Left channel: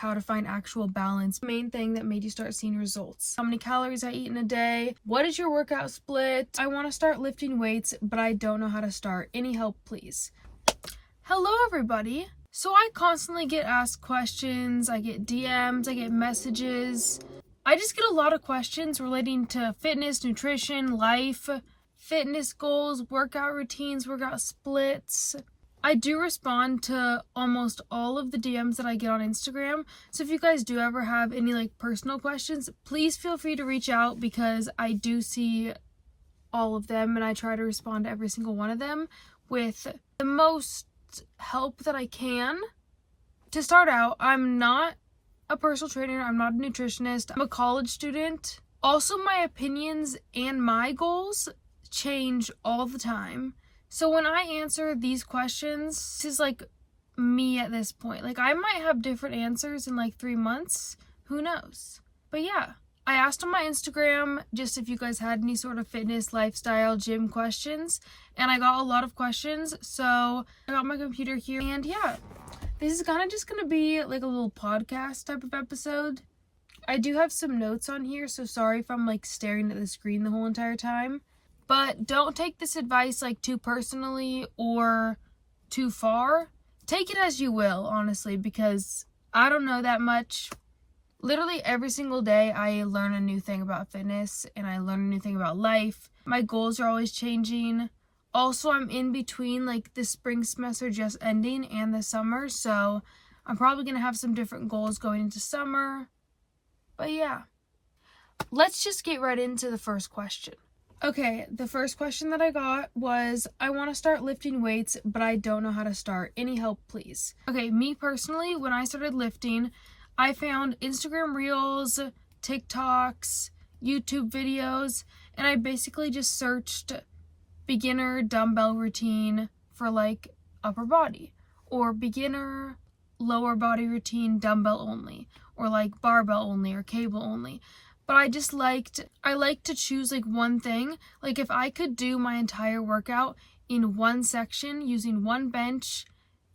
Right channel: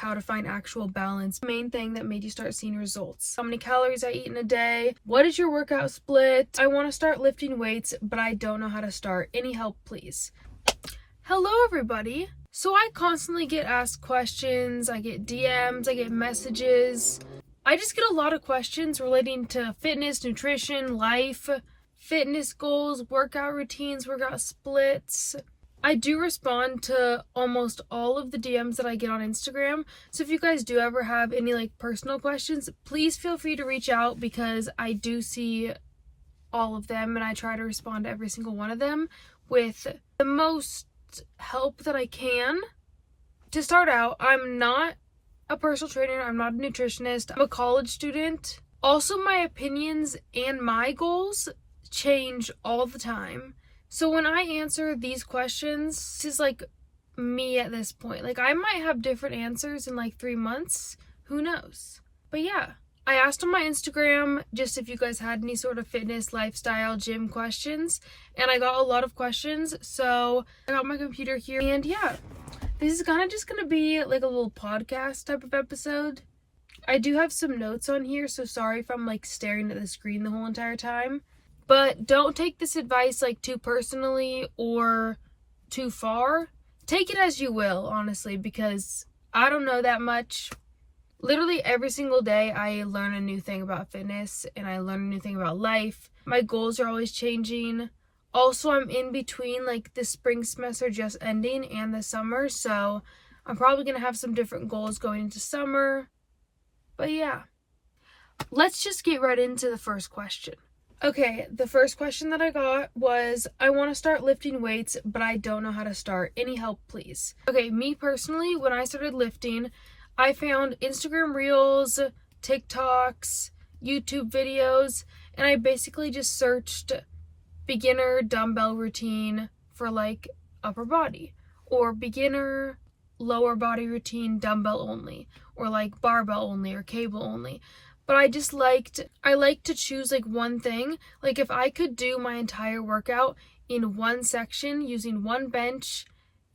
how to find actual balance, main thing that made you start seeing results, how many calories I eat in a day, what is your workout split, I want to start lifting weights but I don't know how to start, any help please. Hello everybody. So I constantly get asked questions, I get DMs, I get messages. I just get a lot of questions relating to fitness, nutrition, life, fitness goals, workout routines, workout splits. I do respond to almost all of the DMs that I get on Instagram. So if you guys do ever have any like personal questions, please feel free to reach out because I do see all of them and I try to respond to every single one of them with the most help that I can. To start out, I'm not a personal trainer, I'm not a nutritionist, I'm a college student. Also, my opinions and my goals change all the time. So when I answer these questions, this is like me at this point. Like I might have different answers in like 3 months, who knows? But yeah, I asked on my Instagram just if you guys had any sort of fitness, lifestyle, gym questions, and I got a lot of questions. So I got my computer here and yeah, this is kind of just going to be like a little podcast type of episode. I do have some notes on here, so sorry if I'm like staring at the screen the whole entire time. But don't take this advice like too personally or too far. Take it as you will, honestly, because I don't know that much. Literally every single day I learn a new thing about fitness and I learn a new thing about life. My goals are always changing. Also, I'm in between like the spring semester just ending and the summer, so I'm probably going to have some different goals going into summer. But yeah, let's just get right into the first question. Okay, the first question that I got was, I want to start lifting weights, but I don't know how to start. Any help, please? Okay, me personally, when I started lifting, I found Instagram Reels, TikToks, YouTube videos, and I basically just searched beginner dumbbell routine for like upper body, or beginner lower body routine dumbbell only, or like barbell only, or cable only. But I like to choose like one thing. Like if I could do my entire workout in one section using one bench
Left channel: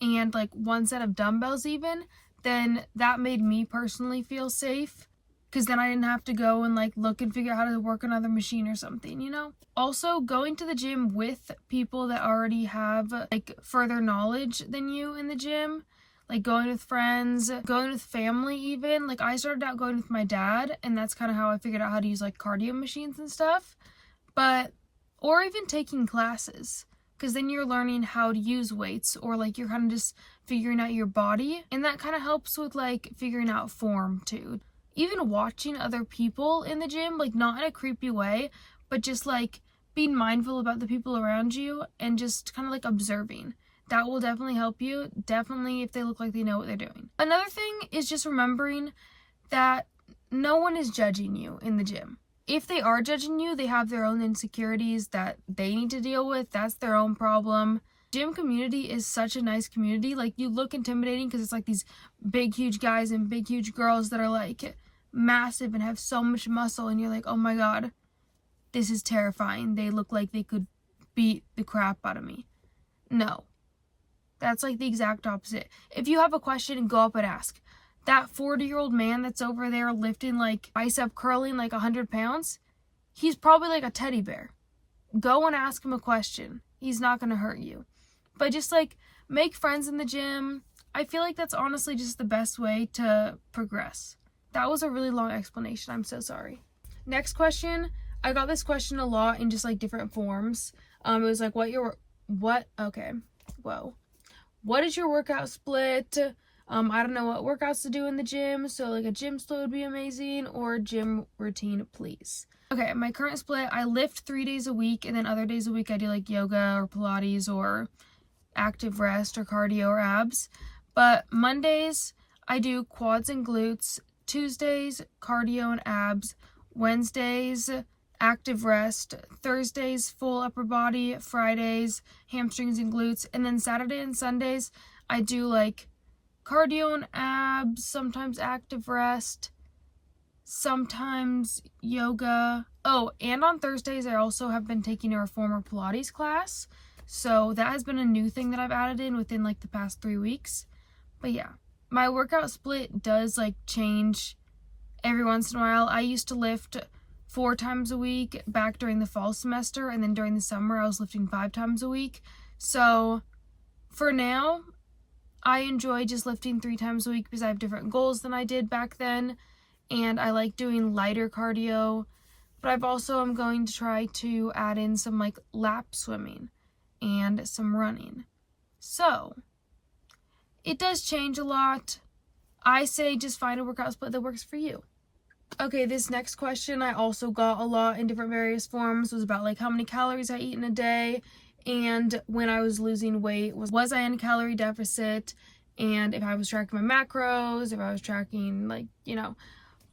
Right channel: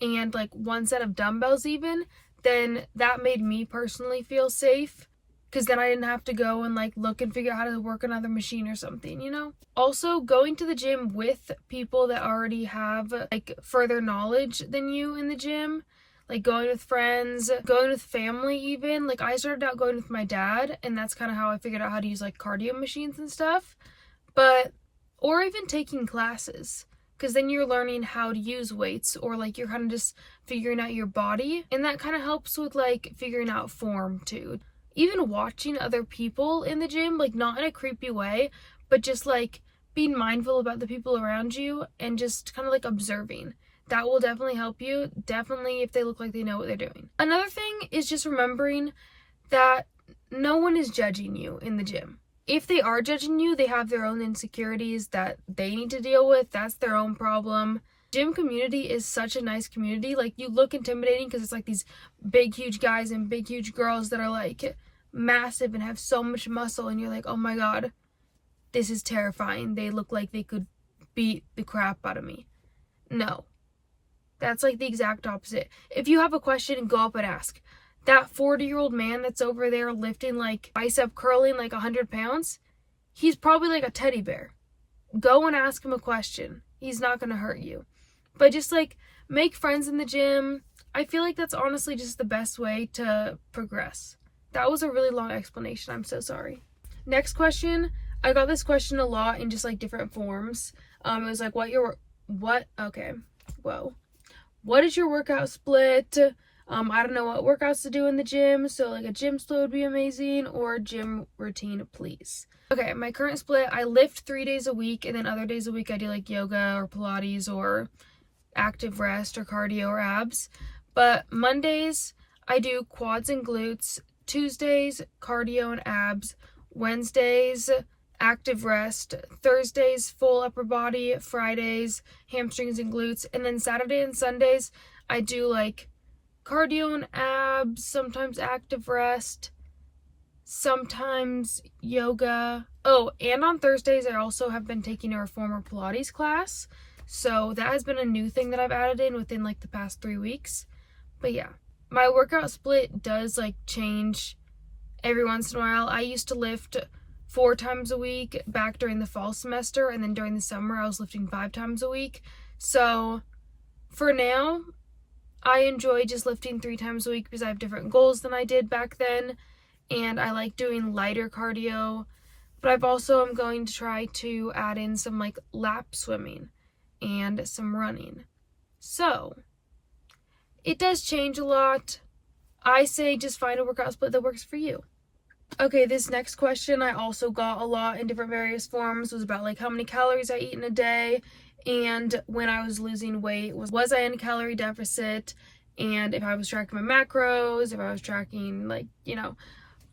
and like one set of dumbbells even, then that made me personally feel safe. Because then I didn't have to go and like look and figure out how to work another machine or something, you know? Also, going to the gym with people that already have like further knowledge than you in the gym, like going with friends, going with family even. Like I started out going with my dad, and that's kind of how I figured out how to use like cardio machines and stuff. Or even taking classes, because then you're learning how to use weights, or like you're kind of just figuring out your body, and that kind of helps with like figuring out form too. Even watching other people in the gym, like not in a creepy way, but just like being mindful about the people around you and just kind of like observing. That will definitely help you, definitely if they look like they know what they're doing. Another thing is just remembering that no one is judging you in the gym. If they are judging you, they have their own insecurities that they need to deal with. That's their own problem. Gym community is such a nice community. Like you look intimidating because it's like these big huge guys and big huge girls that are like massive and have so much muscle, and you're like, oh my god, this is terrifying. They look like they could beat the crap out of me. No. That's like the exact opposite. If you have a question, go up and ask. That 40-year-old man that's over there lifting like bicep curling like 100 pounds, he's probably like a teddy bear. Go and ask him a question. He's not going to hurt you. But just like make friends in the gym. I feel like that's honestly just the best way to progress. That was a really long explanation. I'm so sorry. Next question. I got this question a lot in just like different forms. It was like, what is your workout split? I don't know what workouts to do in the gym, so like a gym split would be amazing, or gym routine, please. Okay, my current split, I lift 3 days a week, and then other days a week I do like yoga or Pilates or active rest or cardio or abs. But Mondays, I do quads and glutes. Tuesdays, cardio and abs. Wednesdays, active rest. Thursdays, full upper body. Fridays, hamstrings and glutes. And then Saturday and Sundays, I do like cardio and abs, sometimes active rest, sometimes yoga. Oh, and on Thursdays, I also have been taking a reformer Pilates class. So that has been a new thing that I've added in within like the past 3 weeks. But yeah, my workout split does like change every once in a while. I used to lift 4 times a week back during the fall semester, and then during the summer I was lifting 5 times a week. So for now, I enjoy just lifting 3 times a week because I have different goals than I did back then, and I like doing lighter cardio. But I've also am going to try to add in some like lap swimming and some running. So it does change a lot. I say just find a workout split that works for you. Okay, this next question I also got a lot in different various forms. It was about like how many calories I eat in a day, and when I was losing weight, was I in a calorie deficit, and if I was tracking my macros, if I was tracking like,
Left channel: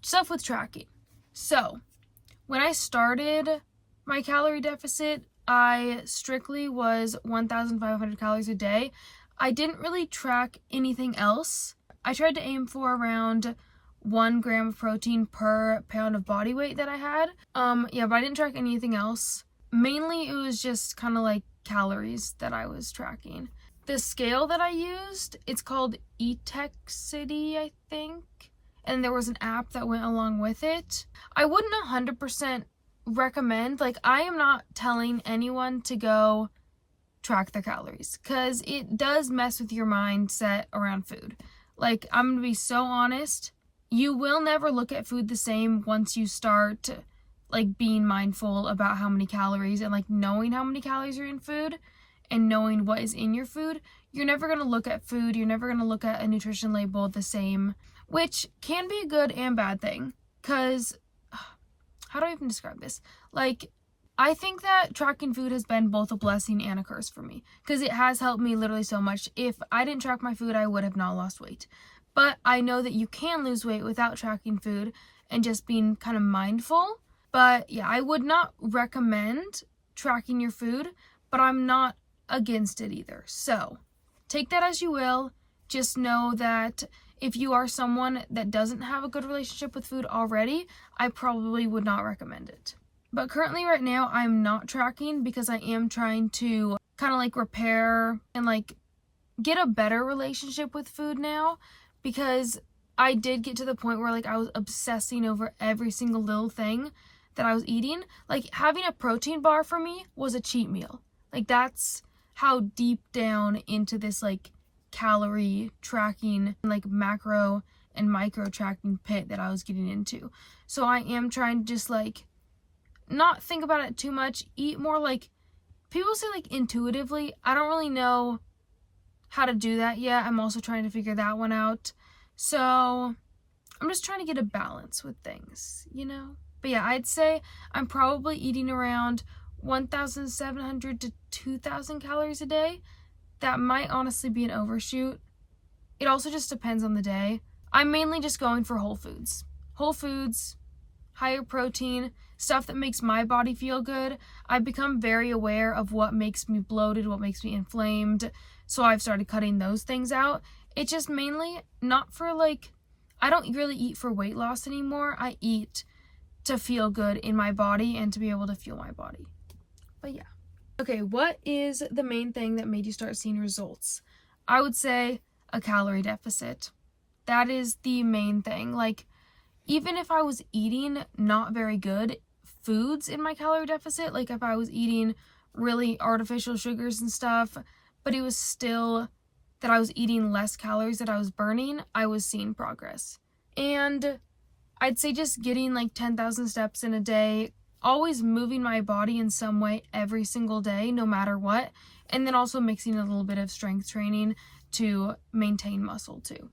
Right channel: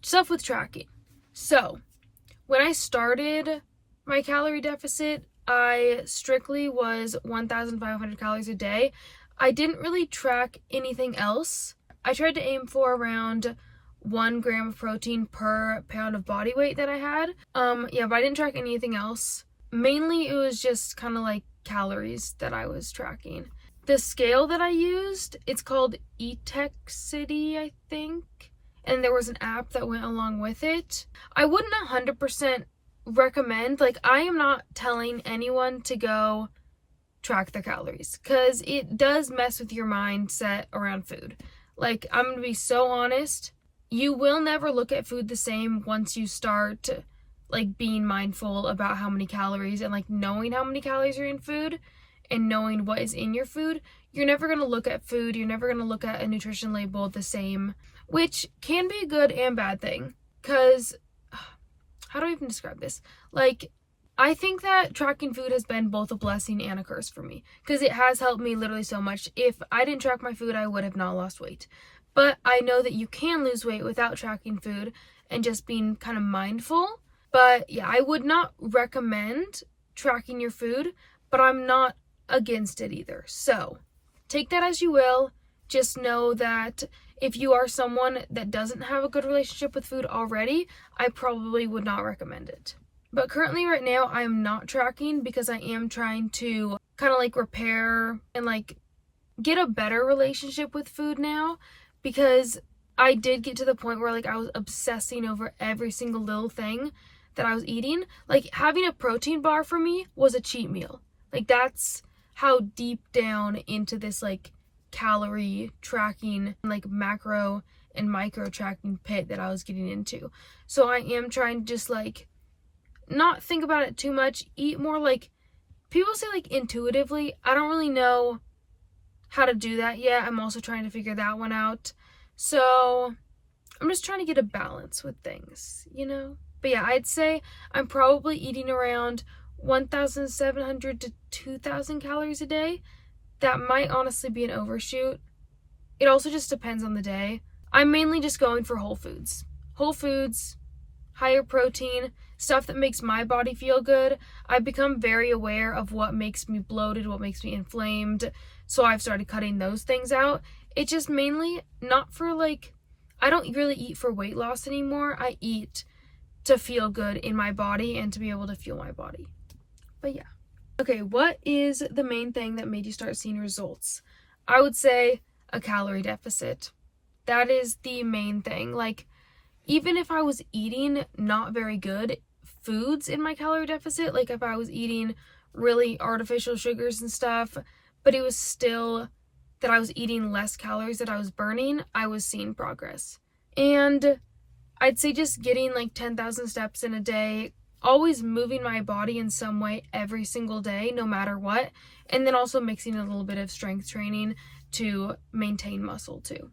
stuff with tracking. So when I started my calorie deficit, I strictly was 1,500 calories a day. I didn't really track anything else. I tried to aim for around 1 gram of protein per pound of body weight that I had. But I didn't track anything else. Mainly it was just kind of like calories that I was tracking. The scale that I used, it's called Etexity, I think. And there was an app that went along with it. I wouldn't 100% recommend, like, I am not telling anyone to go track their calories, because it does mess with your mindset around food. Like, I'm gonna be so honest, you will never look at food the same once you start like being mindful about how many calories and like knowing how many calories are in food and knowing what is in your food. You're never going to look at food, you're never going to look at a nutrition label the same, which can be a good and bad thing, because how do I even describe this? Like, I think that tracking food has been both a blessing and a curse for me, because it has helped me literally so much. If I didn't track my food, I would have not lost weight. But I know that you can lose weight without tracking food and just being kind of mindful. But yeah, I would not recommend tracking your food, but I'm not against it either. So take that as you will. Just know that if you are someone that doesn't have a good relationship with food already, I probably would not recommend it. But currently right now, I'm not tracking because I am trying to kind of like repair and like get a better relationship with food now, because I did get to the point where like I was obsessing over every single little thing that I was eating. Like, having a protein bar for me was a cheat meal. Like, that's how deep down into this like calorie tracking, like macro and micro tracking pit that I was getting into. So I am trying to just like not think about it too much, eat more like, people say like intuitively. I don't really know how to do that yet. I'm also trying to figure that one out. So I'm just trying to get a balance with things, But yeah, I'd say I'm probably eating around 1,700 to 2,000 calories a day. That might honestly be an overshoot. It also just depends on the day. I'm mainly just going for whole foods. Whole foods, higher protein, stuff that makes my body feel good. I've become very aware of what makes me bloated, what makes me inflamed. So I've started cutting those things out. It's just mainly not for like, I don't really eat for weight loss anymore. I eat to feel good in my body and to be able to fuel my body. But yeah. Okay, what is the main thing that made you start seeing results? I would say a calorie deficit. That is the main thing. Like, even if I was eating not very good foods in my calorie deficit, like if I was eating really artificial sugars and stuff, but it was still that I was eating less calories that I was burning, I was seeing progress. And I'd say just getting like 10,000 steps in a day, always moving my body in some way every single day, no matter what, and then also mixing a little bit of strength training to maintain muscle too.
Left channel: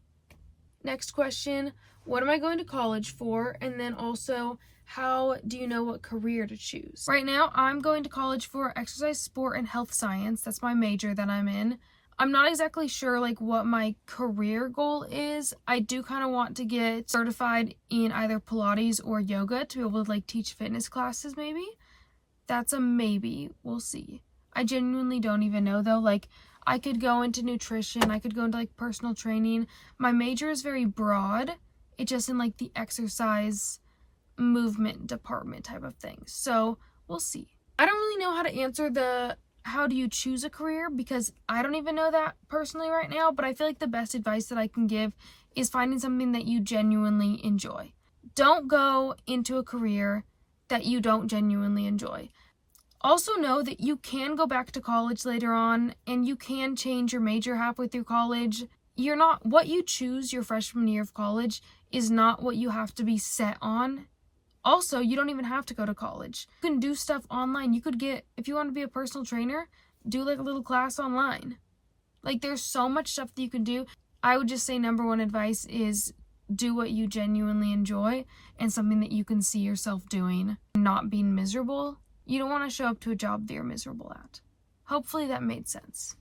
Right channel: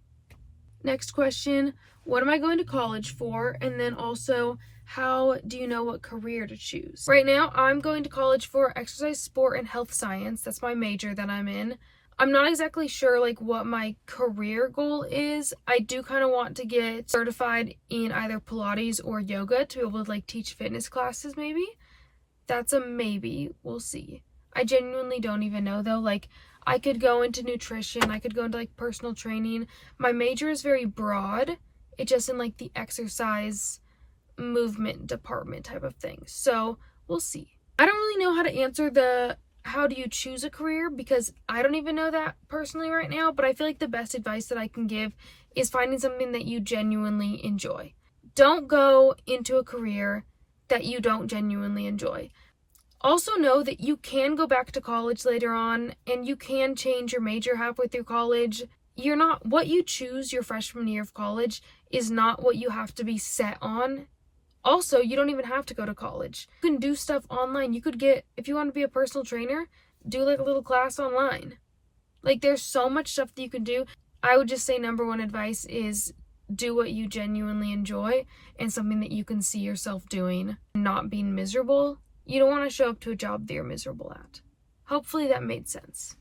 Next question, what am I going to college for? And then also, how do you know what career to choose? Right now, I'm going to college for exercise, sport, and health science. That's my major that I'm in. I'm not exactly sure like what my career goal is. I do kind of want to get certified in either Pilates or yoga to be able to like teach fitness classes maybe. That's a maybe. We'll see. I genuinely don't even know though. Like, I could go into nutrition, I could go into like personal training. My major is very broad. It's just in like the exercise movement department type of thing. So we'll see. I don't really know how to answer the how do you choose a career, because I don't even know that personally right now, but I feel like the best advice that I can give is finding something that you genuinely enjoy. Don't go into a career that you don't genuinely enjoy. Also know that you can go back to college later on and you can change your major halfway through college. What you choose your freshman year of college is not what you have to be set on. Also, you don't even have to go to college. You can do stuff online. You could if you want to be a personal trainer, do like a little class online. Like, there's so much stuff that you can do. I would just say number one advice is do what you genuinely enjoy and something that you can see yourself doing, not being miserable. You don't want to show up to a job that you're miserable at. Hopefully that made sense.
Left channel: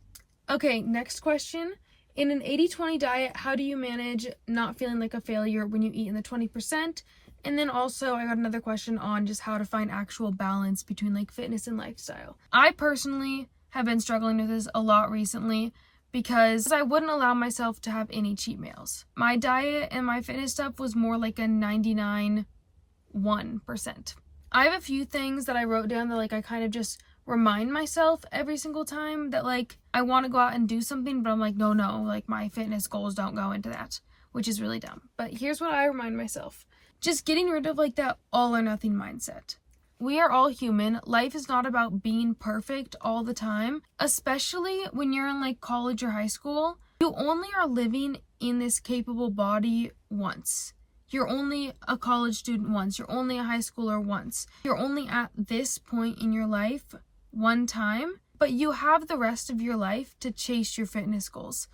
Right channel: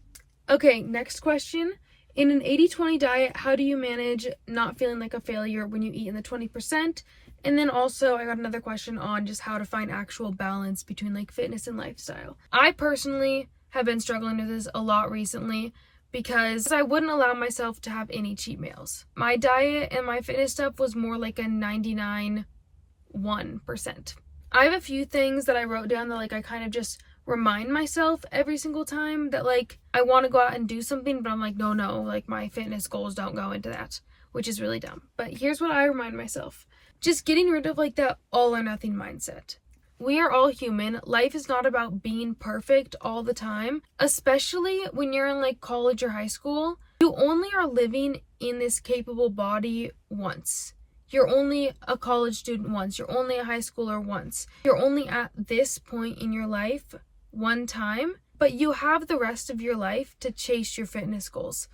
Okay, next question. In an 80-20 diet, how do you manage not feeling like a failure when you eat in the 20%? And then also I got another question on just how to find actual balance between like fitness and lifestyle. I personally have been struggling with this a lot recently because I wouldn't allow myself to have any cheat meals. My diet and my fitness stuff was more like a 99.1%. I have a few things that I wrote down that like I kind of just remind myself every single time that like I want to go out and do something, but I'm like, no, like my fitness goals don't go into that, which is really dumb. But here's what I remind myself. Just getting rid of like that all or nothing mindset. We are all human. Life is not about being perfect all the time, especially when you're in like college or high school. You only are living in this capable body once. You're only a college student once. You're only a high schooler once. You're only at this point in your life one time, but you have the rest of your life to chase your fitness goals.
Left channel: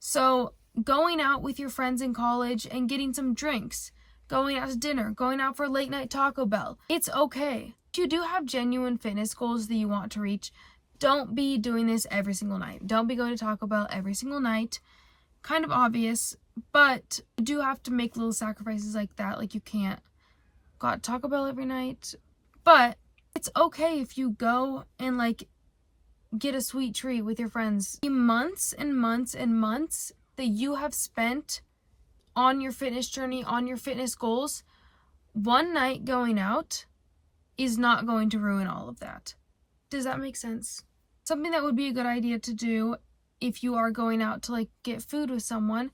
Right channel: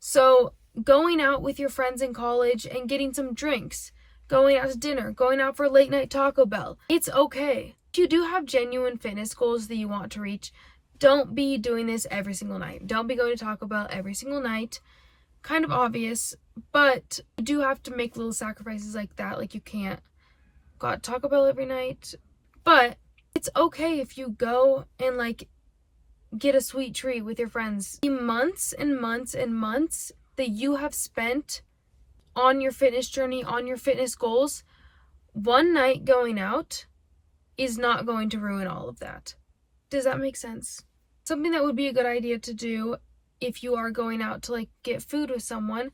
So going out with your friends in college and getting some drinks, going out to dinner, going out for late night Taco Bell, it's okay. If you do have genuine fitness goals that you want to reach, don't be doing this every single night. Don't be going to Taco Bell every single night. Kind of obvious, but you do have to make little sacrifices like that. Like you can't go out to Taco Bell every night, but it's okay if you go and like get a sweet treat with your friends. The months and months and months that you have spent on your fitness journey, on your fitness goals, one night going out is not going to ruin all of that. Does that make sense? Something that would be a good idea to do if you are going out to like get food with someone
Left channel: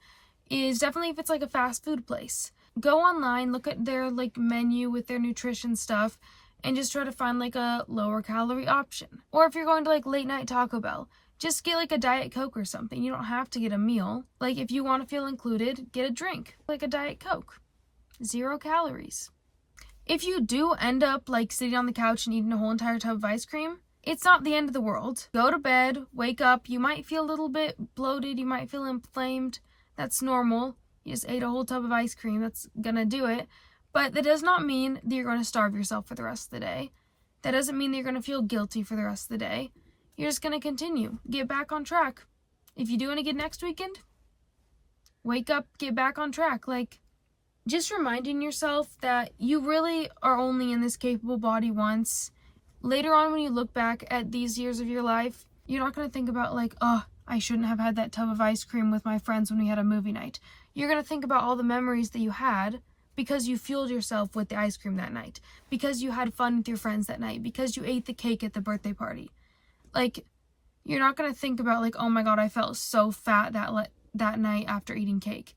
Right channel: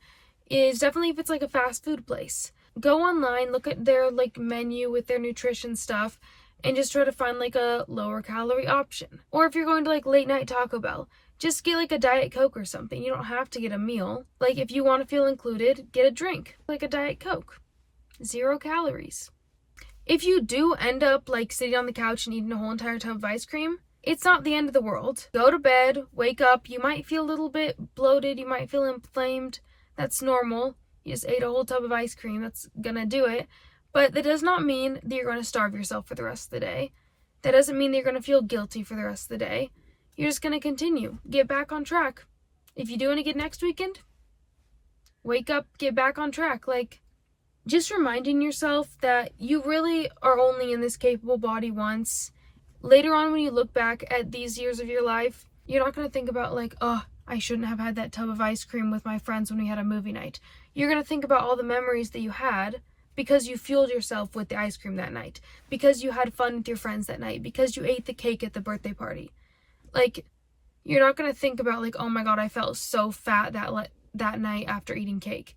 is definitely if it's like a fast food place. Go online, look at their like menu with their nutrition stuff and just try to find like a lower calorie option. Or if you're going to like late night Taco Bell, just get like a Diet Coke or something. You don't have to get a meal. Like if you want to feel included, get a drink, like a Diet Coke. 0 calories. If you do end up like sitting on the couch and eating a whole entire tub of ice cream, it's not the end of the world. Go to bed, wake up, you might feel a little bit bloated, you might feel inflamed. That's normal. You just ate a whole tub of ice cream, that's gonna do it. But that does not mean that you're gonna starve yourself for the rest of the day. That doesn't mean that you're gonna feel guilty for the rest of the day. You're just gonna continue. Get back on track. If you do it again next weekend, wake up, get back on track. Like, just reminding yourself that you really are only in this capable body once. Later on, when you look back at these years of your life, you're not going to think about like, oh, I shouldn't have had that tub of ice cream with my friends when we had a movie night. You're going to think about all the memories that you had because you fueled yourself with the ice cream that night, because you had fun with your friends that night, because you ate the cake at the birthday party. Like, you're not going to think about like, oh my God, I felt so fat that night after eating cake.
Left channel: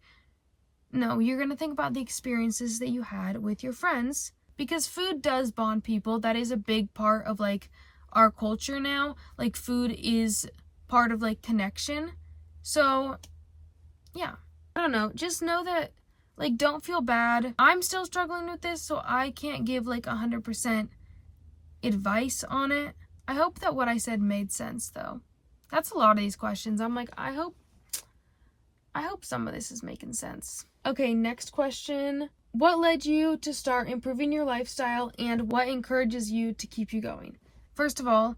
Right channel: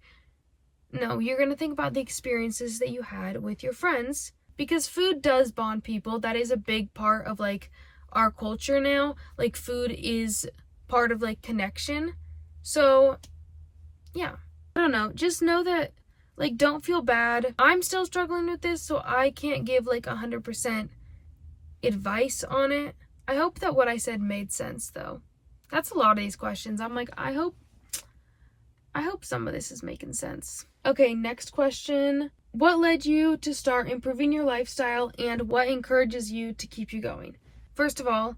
No, you're going to think about the experiences that you had with your friends, because food does bond people. That is a big part of like our culture now. Like food is part of like connection. So yeah, I don't know. Just know that like don't feel bad. I'm still struggling with this, so I can't give like 100% advice on it. I hope that what I said made sense though. That's a lot of these questions. I'm like, I hope some of this is making sense. Okay, next question. What led you to start improving your lifestyle and what encourages you to keep you going? First of all,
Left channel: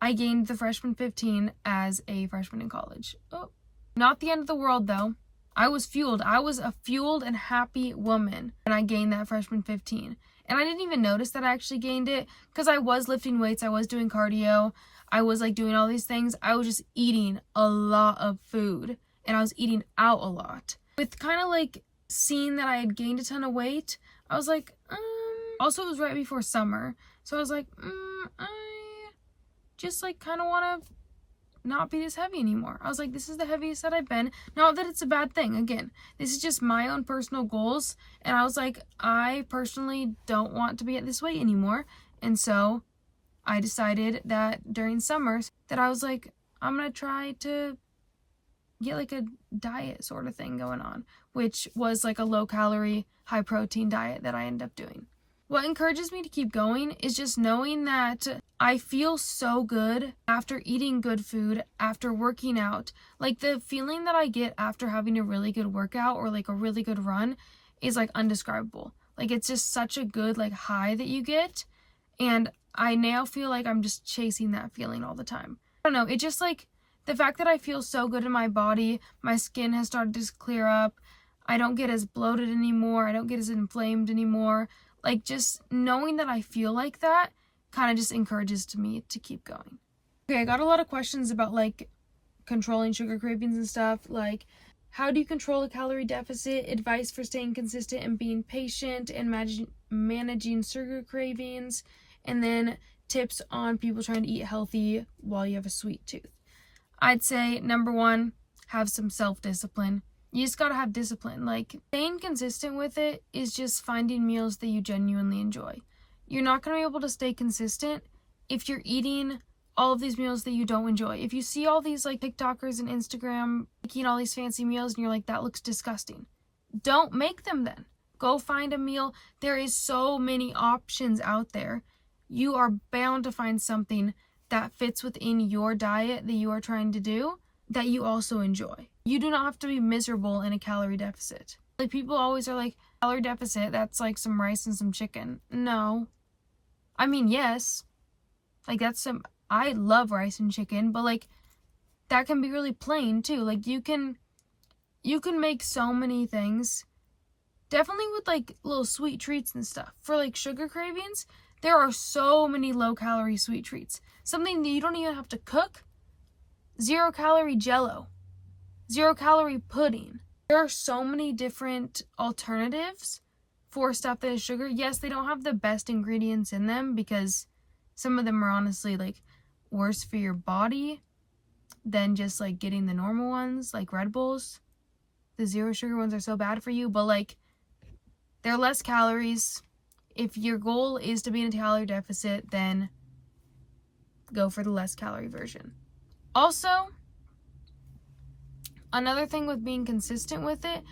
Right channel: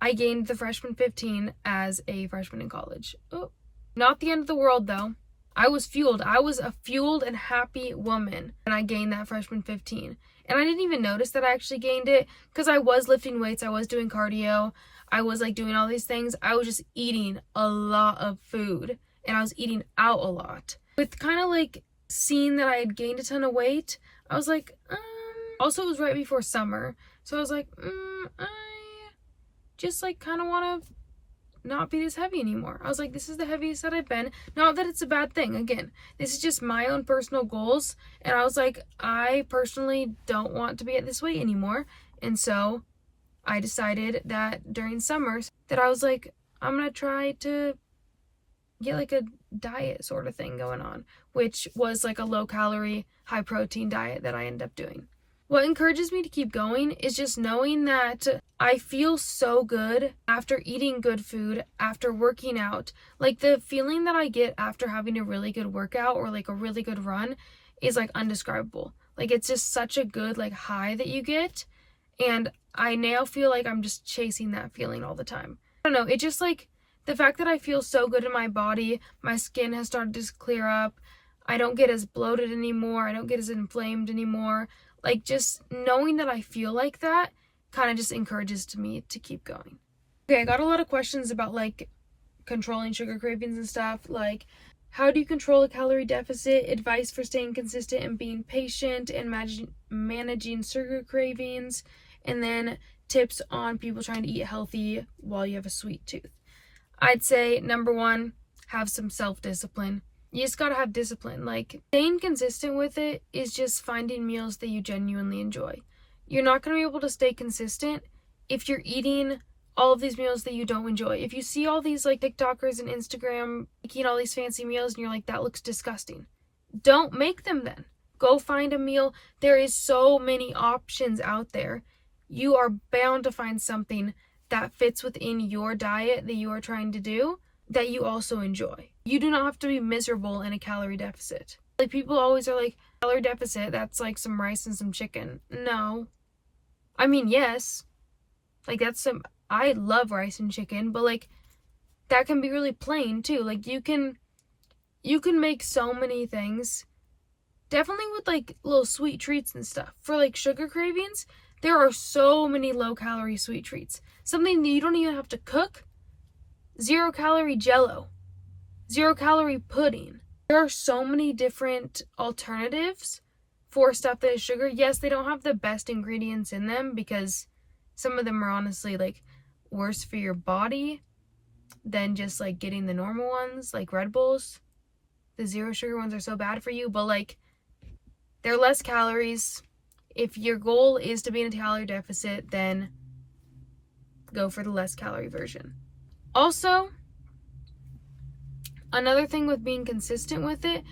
I gained the freshman 15 as a freshman in college. Oh, not the end of the world though. I was fueled. I was a fueled and happy woman when I gained that freshman 15. And I didn't even notice that I actually gained it because I was lifting weights. I was doing cardio. I was like doing all these things. I was just eating a lot of food and I was eating out a lot. With kind of like seeing that I had gained a ton of weight, I was like, also it was right before summer. So I was like, I just like kind of want to not be this heavy anymore. I was like, this is the heaviest that I've been. Not that it's a bad thing. Again, this is just my own personal goals. And I was like, I personally don't want to be at this weight anymore. And so I decided that during summers that I was like, I'm going to try to get like a diet sort of thing going on, which was like a low calorie, high protein diet that I ended up doing. What encourages me to keep going is just knowing that I feel so good after eating good food, after working out. Like the feeling that I get after having a really good workout or like a really good run is like undescribable. Like it's just such a good like high that you get. And I now feel like I'm just chasing that feeling all the time. I don't know. It just like the fact that I feel so good in my body, my skin has started to clear up. I don't get as bloated anymore. I don't get as inflamed anymore. Like just knowing that I feel like that kind of just encourages me to keep going. Okay, I got a lot of questions about like controlling sugar cravings and stuff. Like, how do you control a calorie deficit? Advice for staying consistent and being patient and managing sugar cravings. And then tips on people trying to eat healthy while you have a sweet tooth. I'd say number one, have some self-discipline. You just gotta have discipline. Like, staying consistent with it is just finding meals that you genuinely enjoy. You're not gonna be able to stay consistent if you're eating all of these meals that you don't enjoy. If you see all these like TikTokers and Instagram making all these fancy meals and you're like, that looks disgusting, don't make them then. Go find a meal. There is so many options out there. You are bound to find something that fits within your diet that you are trying to do that you also enjoy. You do not have to be miserable in a calorie deficit. Like people always are like, calorie deficit, that's like some rice and some chicken. No. I mean, yes. Like I love rice and chicken, but like that can be really plain too. Like you can make so many things. Definitely with like little sweet treats and stuff. For like sugar cravings, there are so many low calorie sweet treats. Something that you don't even have to cook. 0 calorie jello. 0 calorie pudding. There are so many different alternatives for stuff that is sugar. Yes, they don't have the best ingredients in them because some of them are honestly like worse for your body than just like getting the normal ones like Red Bulls. The 0 sugar ones are so bad for you, but like they're less calories. If your goal is to be in a calorie deficit, then go for the less calorie version. Also, another thing with being consistent with it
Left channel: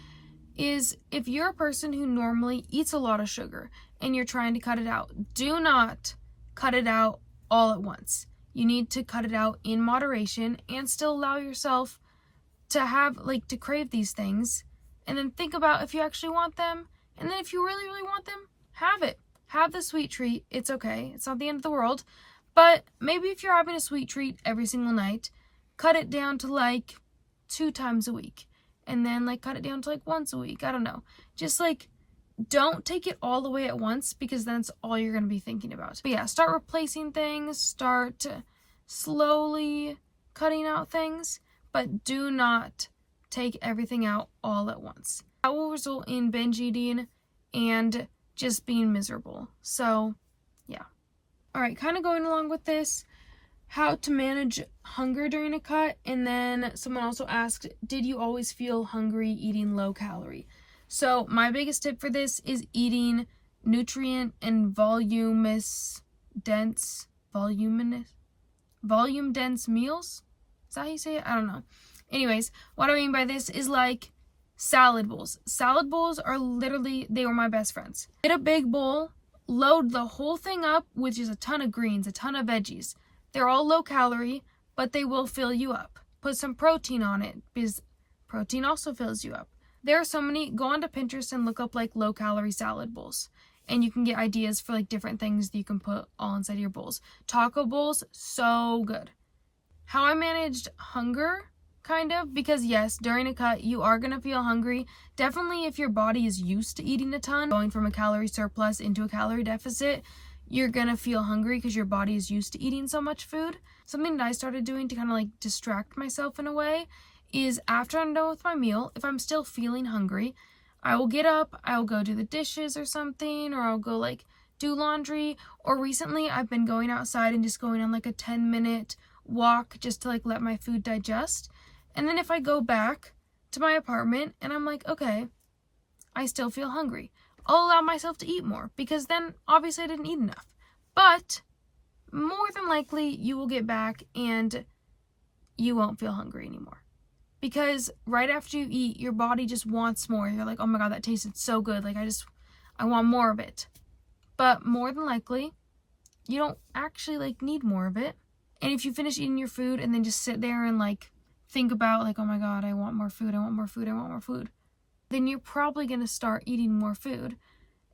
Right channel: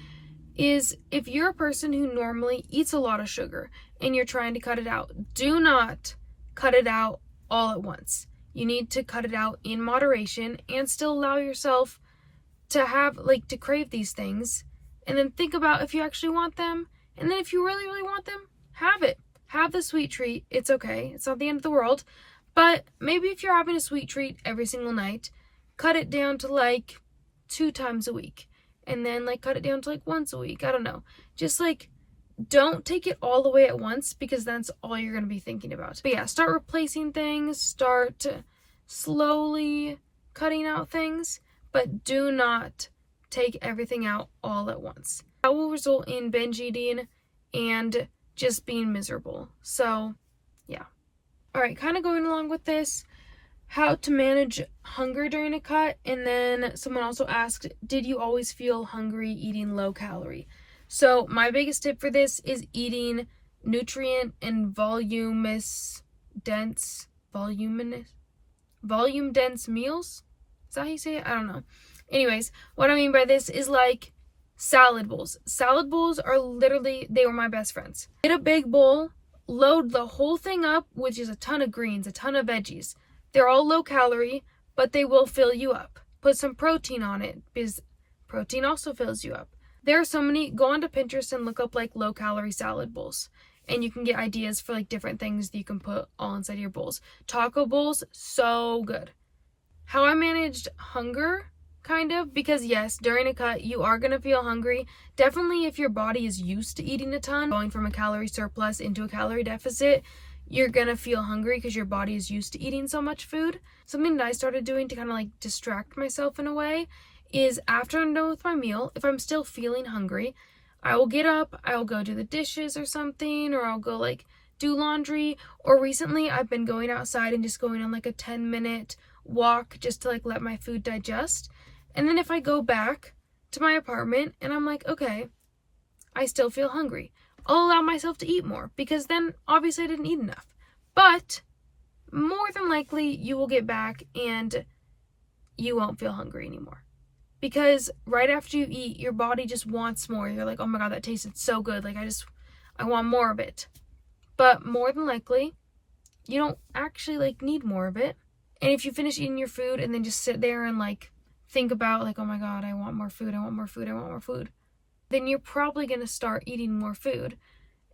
is if you're a person who normally eats a lot of sugar and you're trying to cut it out, do not cut it out all at once. You need to cut it out in moderation and still allow yourself to have, like, to crave these things. And then think about if you actually want them. And then if you really, really want them, have it. Have the sweet treat. It's okay. It's not the end of the world. But maybe if you're having a sweet treat every single night, cut it down to like 2 times a week. And then like cut it down to like once a week. I don't know. Just like don't take it all the way at once because that's all you're going to be thinking about. But yeah, start replacing things. Start slowly cutting out things. But do not take everything out all at once. That will result in binge eating and just being miserable. So yeah. Alright, kind of going along with this, how to manage hunger during a cut. And then someone also asked, did you always feel hungry eating low calorie? So my biggest tip for this is eating nutrient and volume dense meals. Is that how you say it? I don't know. Anyways, what I mean by this is like salad bowls. Salad bowls are literally, they were my best friends. Get a big bowl, load the whole thing up with just a ton of greens, a ton of veggies. They're all low calorie, but they will fill you up. Put some protein on it because protein also fills you up. There are so many. Go onto Pinterest and look up like low calorie salad bowls. And you can get ideas for like different things that you can put all inside your bowls. Taco bowls, so good. How I managed hunger, kind of, because yes, during a cut, you are going to feel hungry. Definitely if your body is used to eating a ton, going from a calorie surplus into a calorie deficit, you're going to feel hungry because your body is used to eating so much food. Something that I started doing to kind of like distract myself in a way is after I'm done with my meal, if I'm still feeling hungry, I will get up, I will go do the dishes or something, or I'll go like do laundry, or recently I've been going outside and just going on like a 10-minute walk just to like let my food digest. And then if I go back to my apartment and I'm like, okay, I still feel hungry, I'll allow myself to eat more, because then obviously I didn't eat enough. But more than likely you will get back and you won't feel hungry anymore. Because right after you eat, your body just wants more. You're like, oh my God, that tasted so good. Like, I want more of it. But more than likely, you don't actually like need more of it. And if you finish eating your food and then just sit there and like think about like, oh my God, I want more food, I want more food, I want more food, then you're probably going to start eating more food,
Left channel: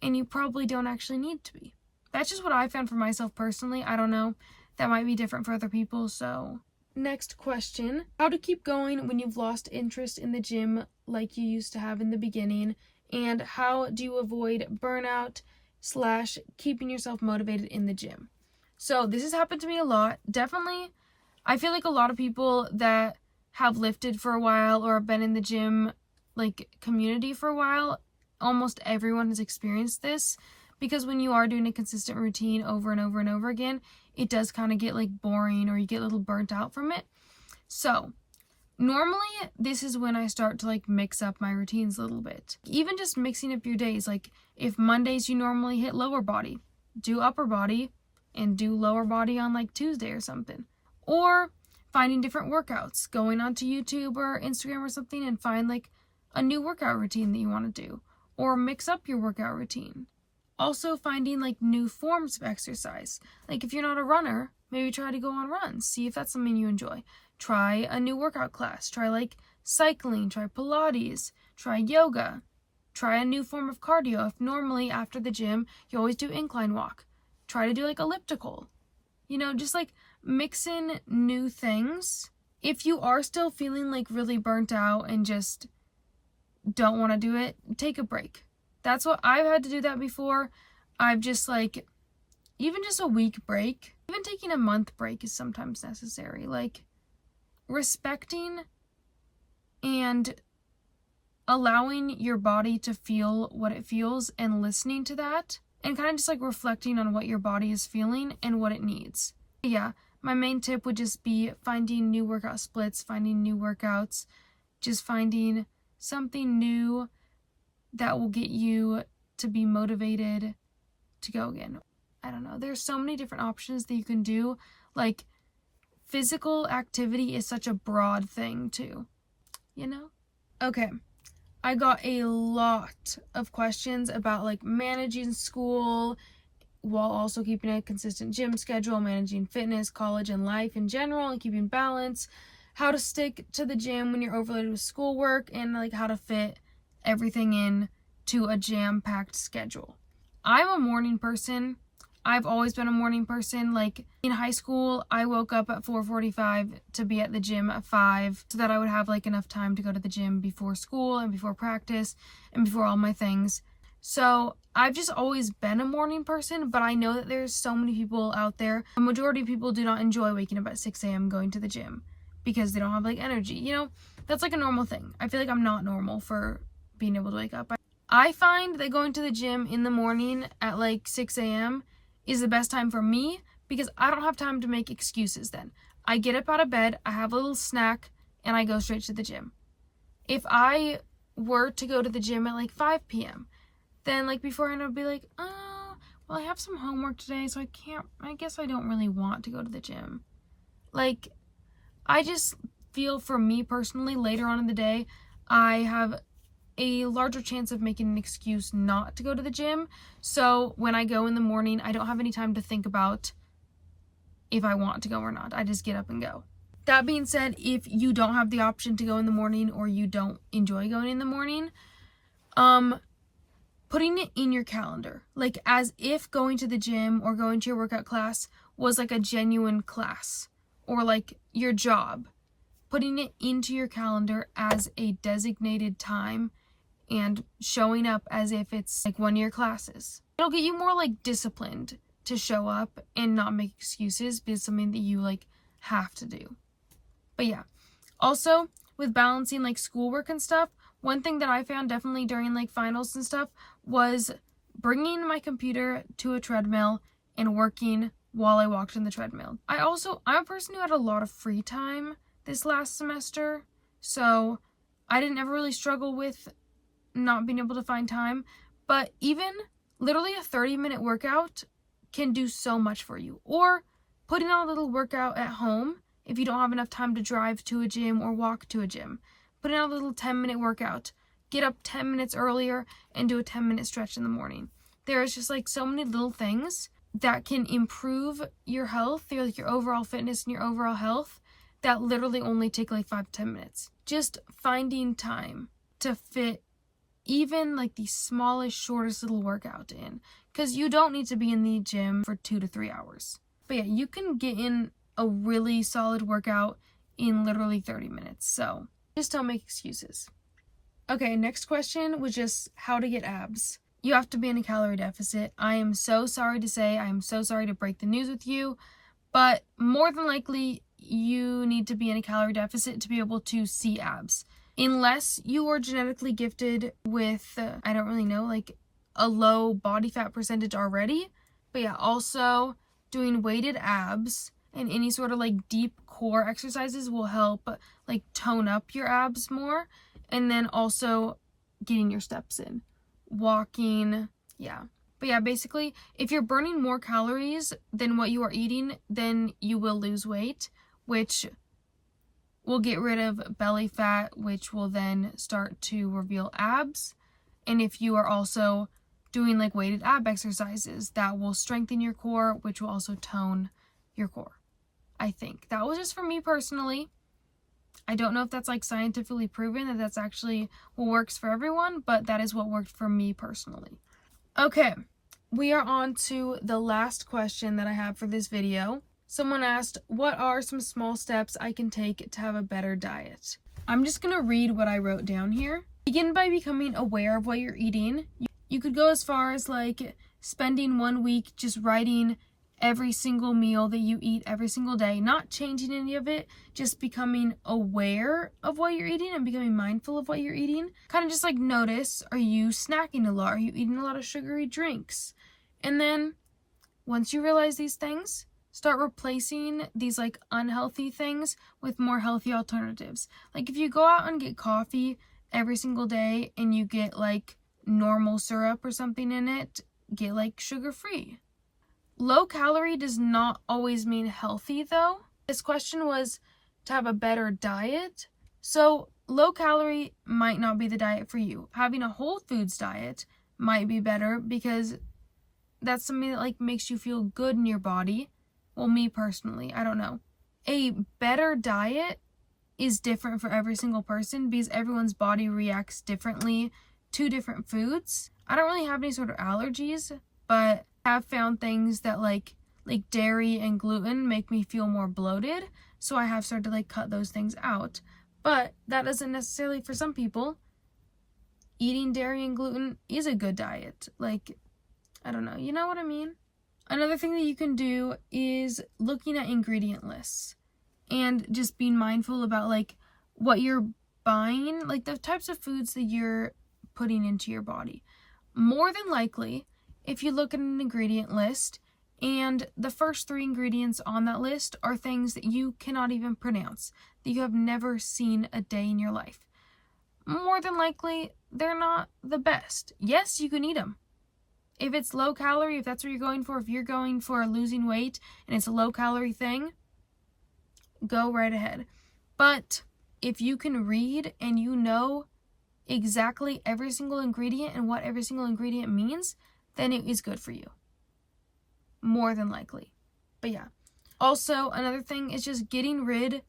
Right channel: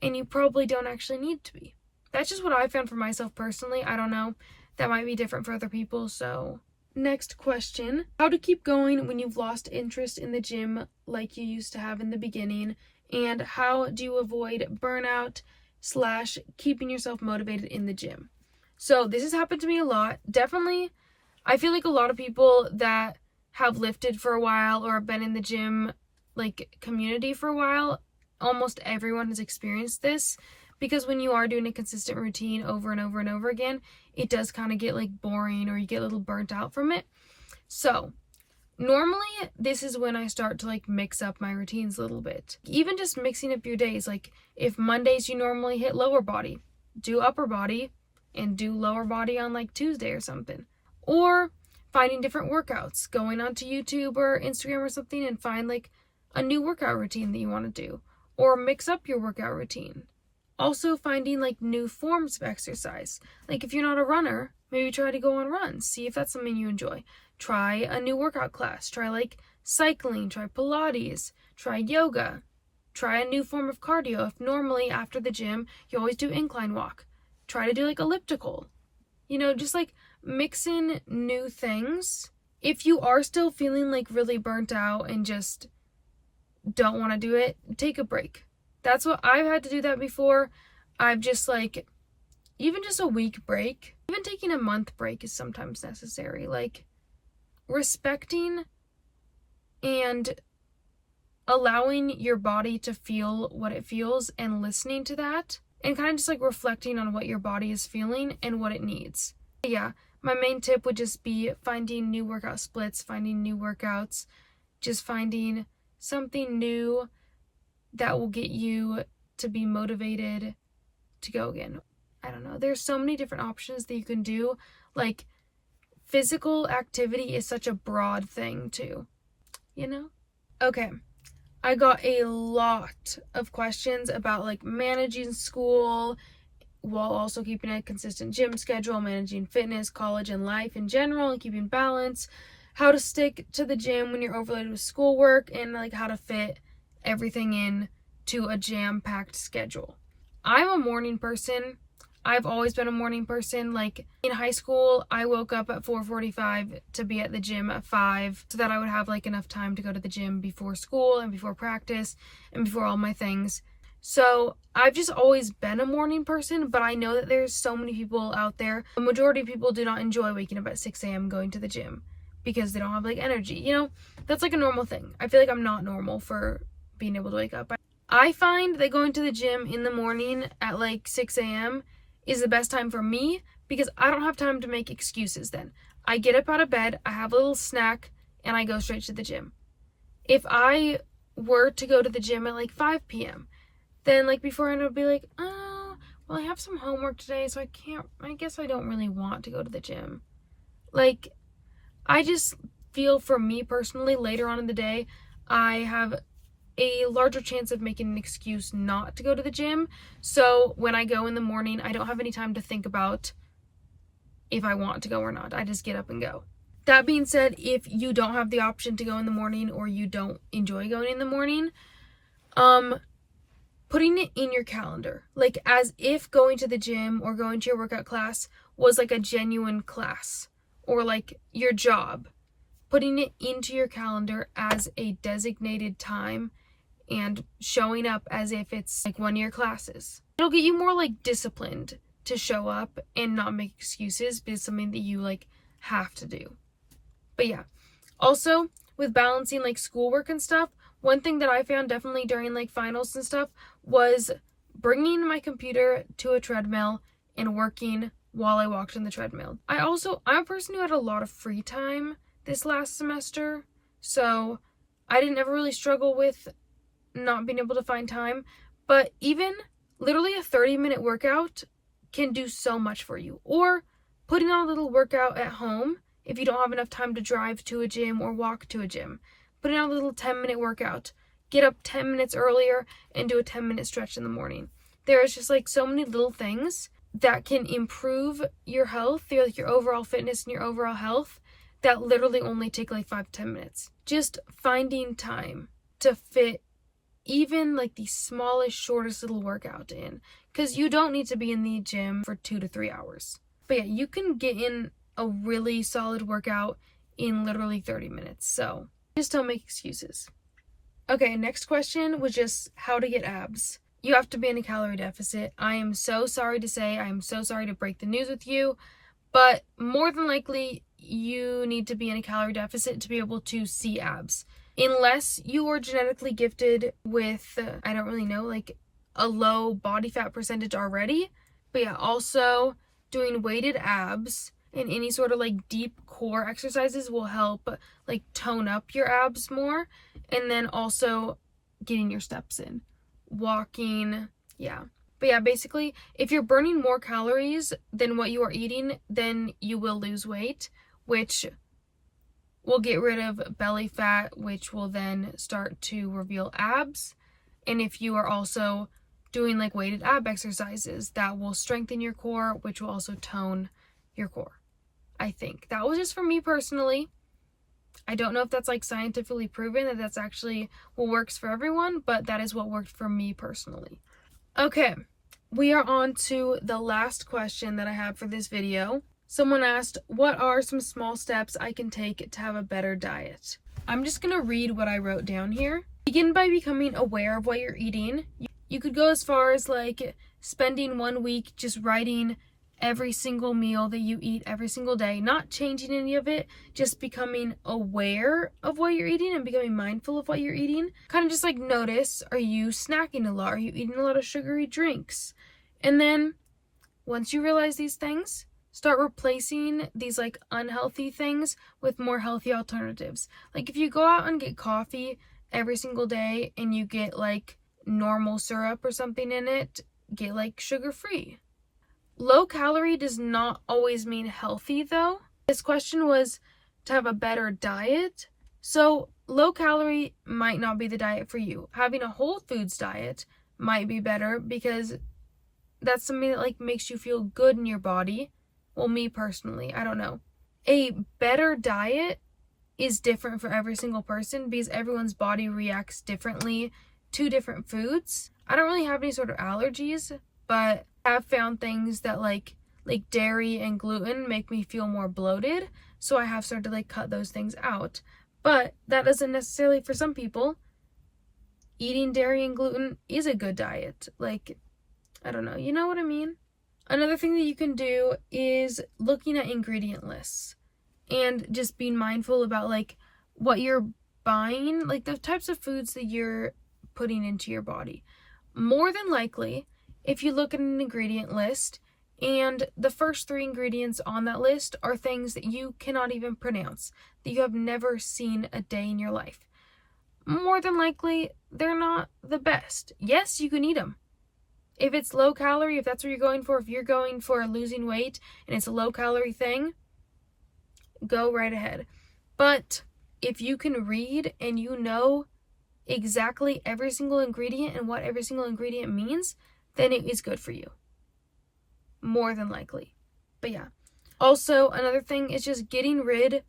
and you probably don't actually need to be. That's just what I found for myself personally. I don't know. That might be different for other people, so. Next question, how to keep going when you've lost interest in the gym like you used to have in the beginning, and how do you avoid burnout / keeping yourself motivated in the gym? So this has happened to me a lot. Definitely, I feel like a lot of people that have lifted for a while or have been in the gym like community for a while, almost everyone has experienced this, because when you are doing a consistent routine over and over and over again, it does kind of get like boring, or you get a little burnt out from it. So normally this is when I start to like mix up my routines a little bit. Even just mixing up your days. Like if Mondays you normally hit lower body, do upper body and do lower body on like Tuesday or something. Or finding different workouts, going onto YouTube or Instagram or something and find like a new workout routine that you want to do, or mix up your workout routine. Also finding like new forms of exercise. Like if you're not a runner, maybe try to go on runs. See if that's something you enjoy. Try a new workout class. Try like cycling, try Pilates, try yoga. Try a new form of cardio. If normally after the gym, you always do incline walk, try to do like elliptical. You know, just like mix in new things. If you are still feeling like really burnt out and just don't want to do it, take a break. That's what I've had to do that before. I've just like, even just a week break, even taking a month break is sometimes necessary. Like respecting and allowing your body to feel what it feels and listening to that, and kind of just like reflecting on what your body is feeling and what it needs. Yeah, my main tip would just be finding new workout splits, finding new workouts, just finding something new that will get you to be motivated to go again. I don't know. There's so many different options that you can do. Like physical activity is such a broad thing too, you know? Okay. I got a lot of questions about like managing school while also keeping a consistent gym schedule, managing fitness, college, and life in general, and keeping balance, how to stick to the gym when you're overloaded with schoolwork, and like how to fit everything in to a jam-packed schedule. I'm a morning person. I've always been a morning person. Like in high school, I woke up at 4:45 to be at the gym at 5 so that I would have like enough time to go to the gym before school and before practice and before all my things. So I've just always been a morning person, but I know that there's so many people out there. A majority of people do not enjoy waking up at 6 a.m. going to the gym because they don't have like energy. You know, that's like a normal thing. I feel like I'm not normal for being able to wake up. I find that going to the gym in the morning at like 6 a.m. is the best time for me because I don't have time to make excuses then. I get up out of bed, I have a little snack, and I go straight to the gym. If I were to go to the gym at like 5 p.m., then like beforehand I would be like, oh, well I have some homework today, so I guess I don't really want to go to the gym. Like, I just feel for me personally, later on in the day, I have a larger chance of making an excuse not to go to the gym. So when I go in the morning, I don't have any time to think about if I want to go or not. I just get up and go. That being said, if you don't have the option to go in the morning or you don't enjoy going in the morning, putting it in your calendar, like as if going to the gym or going to your workout class was like a genuine class or like your job, putting it into your calendar as a designated time and showing up as if it's like one of your classes. It'll get you more like disciplined to show up and not make excuses because it's something that you like have to do. But yeah, also with balancing like schoolwork and stuff, one thing that I found definitely during like finals and stuff was bringing my computer to a treadmill and working while I walked on the treadmill. I'm a person who had a lot of free time this last semester, so I didn't ever really struggle with not being able to find time, but even literally a 30-minute workout can do so much for you. Or putting on a little workout at home if you don't have enough time to drive to a gym or walk to a gym. Putting on a little 10-minute workout. Get up 10 minutes earlier and do a 10-minute stretch in the morning. There's just like so many little things that can improve your health, your overall fitness and your overall health, that literally only take like 5 to 10 minutes. Just finding time to fit even like the smallest, shortest little workout in, because you don't need to be in the gym for 2 to 3 hours. But yeah, you can get in a really solid workout in literally 30 minutes. So just don't make excuses. Okay, next question was just how to get abs. You have to be in a calorie deficit. I am so sorry to say, I am so sorry to break the news with you, but more than likely you need to be in a calorie deficit to be able to see abs. Unless you are genetically gifted with, I don't really know, like a low body fat percentage already. But yeah, also doing weighted abs and any sort of like deep core exercises will help like tone up your abs more. And then also getting your steps in. Walking, yeah. But yeah, basically, if you're burning more calories than what you are eating, then you will lose weight, which will get rid of belly fat, which will then start to reveal abs. And if you are also doing like weighted ab exercises, that will strengthen your core, which will also tone your core. I think that was just for me personally. I don't know if that's like scientifically proven that that's actually what works for everyone, but that is what worked for me personally. Okay, we are on to the last question that I have for this video. Someone asked, what are some small steps I can take to have a better diet? I'm just gonna read what I wrote down here. Begin by becoming aware of what you're eating. You could go as far as like spending 1 week just writing every single meal that you eat every single day, not changing any of it, just becoming aware of what you're eating and becoming mindful of what you're eating. Kind of just like notice, are you snacking a lot? Are you eating a lot of sugary drinks? And then once you realize these things, start replacing these like unhealthy things with more healthy alternatives. Like if you go out and get coffee every single day and you get like normal syrup or something in it, get like sugar-free. Low calorie does not always mean healthy though. This question was to have a better diet. So low calorie might not be the diet for you. Having a whole foods diet might be better because that's something that like makes you feel good in your body. Well, me personally, I don't know. A better diet is different for every single person because everyone's body reacts differently to different foods. I don't really have any sort of allergies, but I've found things that like dairy and gluten make me feel more bloated, so I have started to like cut those things out. But that doesn't necessarily, for some people, eating dairy and gluten is a good diet. Like, I don't know, you know what I mean? Another thing that you can do is looking at ingredient lists and just being mindful about like what you're buying, like the types of foods that you're putting into your body. More than likely, if you look at an ingredient list and the first 3 ingredients on that list are things that you cannot even pronounce, that you have never seen a day in your life, more than likely they're not the best. Yes, you can eat them. If it's low calorie, if that's what you're going for, if you're going for losing weight and it's a low calorie thing, go right ahead. But if you can read and you know exactly every single ingredient and what every single ingredient means, then it is good for you. More than likely. But yeah. Also, another thing is just getting rid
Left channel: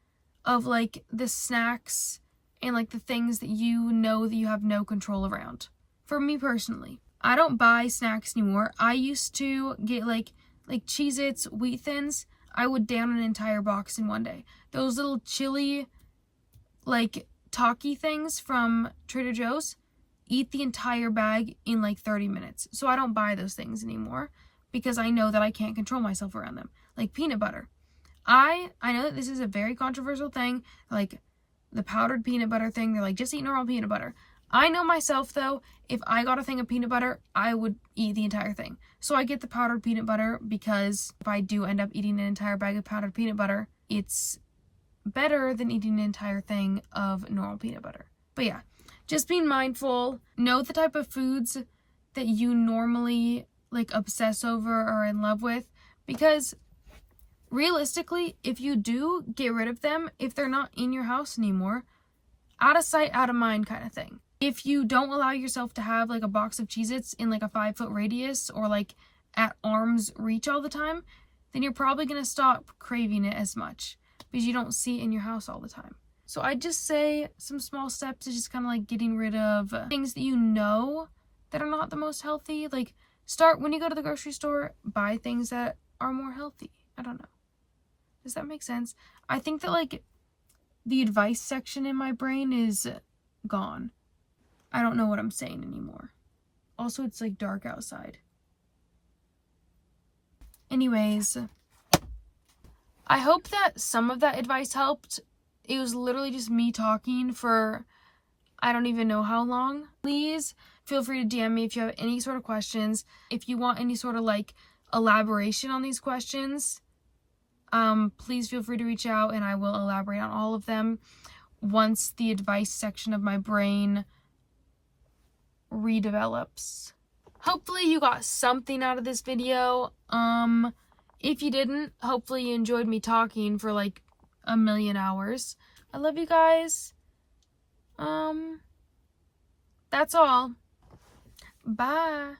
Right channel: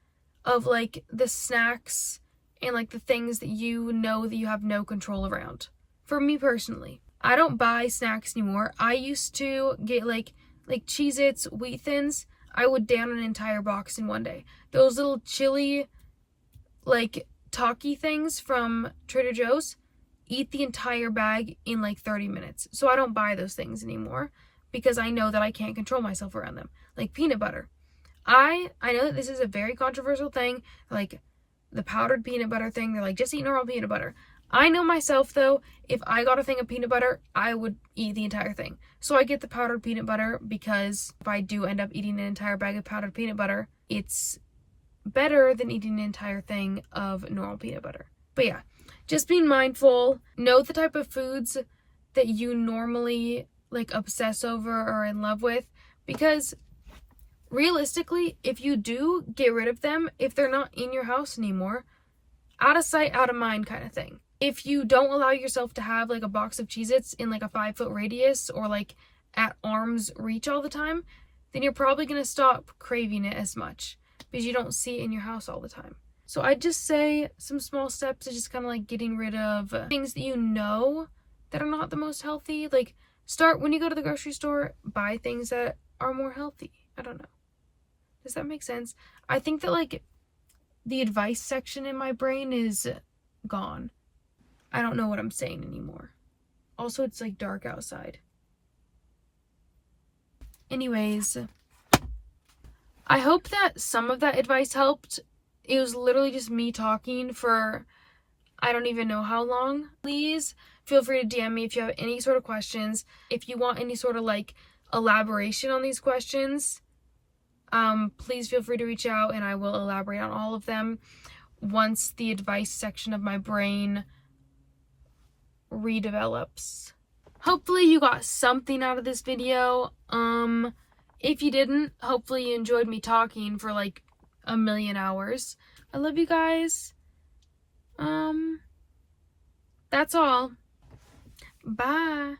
of like the snacks and like the things that you know that you have no control around. For me personally, I don't buy snacks anymore. I used to get like Cheez-Its, Wheat Thins. I would down an entire box in one day. Those little chili like Taki things from Trader Joe's, eat the entire bag in like 30 minutes. So I don't buy those things anymore because I know that I can't control myself around them. Like peanut butter. I know that this is a very controversial thing, like the powdered peanut butter thing. They're like, just eat normal peanut butter. I know myself though, if I got a thing of peanut butter, I would eat the entire thing. So I get the powdered peanut butter because if I do end up eating an entire bag of powdered peanut butter, it's better than eating an entire thing of normal peanut butter. But yeah, just being mindful. Know the type of foods that you normally like obsess over or are in love with, because realistically, if you do get rid of them, if they're not in your house anymore, out of sight, out of mind kind of thing. If you don't allow yourself to have like a box of Cheez-Its in like a 5-foot radius or like at arm's reach all the time, then you're probably going to stop craving it as much because you don't see it in your house all the time. So I'd just say some small steps is just kind of like getting rid of things that you know that are not the most healthy. Like start when you go to the grocery store, buy things that are more healthy. I don't know. Does that make sense? I think that like the advice section in my brain is gone. I don't know what I'm saying anymore. Also, it's like dark outside. Anyways, I hope that some of that advice helped. It was literally just me talking for I don't even know how long. Please feel free to DM me if you have any sort of questions. If you want any sort of like elaboration on these questions, please feel free to reach out and I will elaborate on all of them once the advice section of my brain redevelops. Hopefully you got something out of this video. If you didn't, hopefully you enjoyed me talking for like a million hours. I love you guys. That's all. Bye.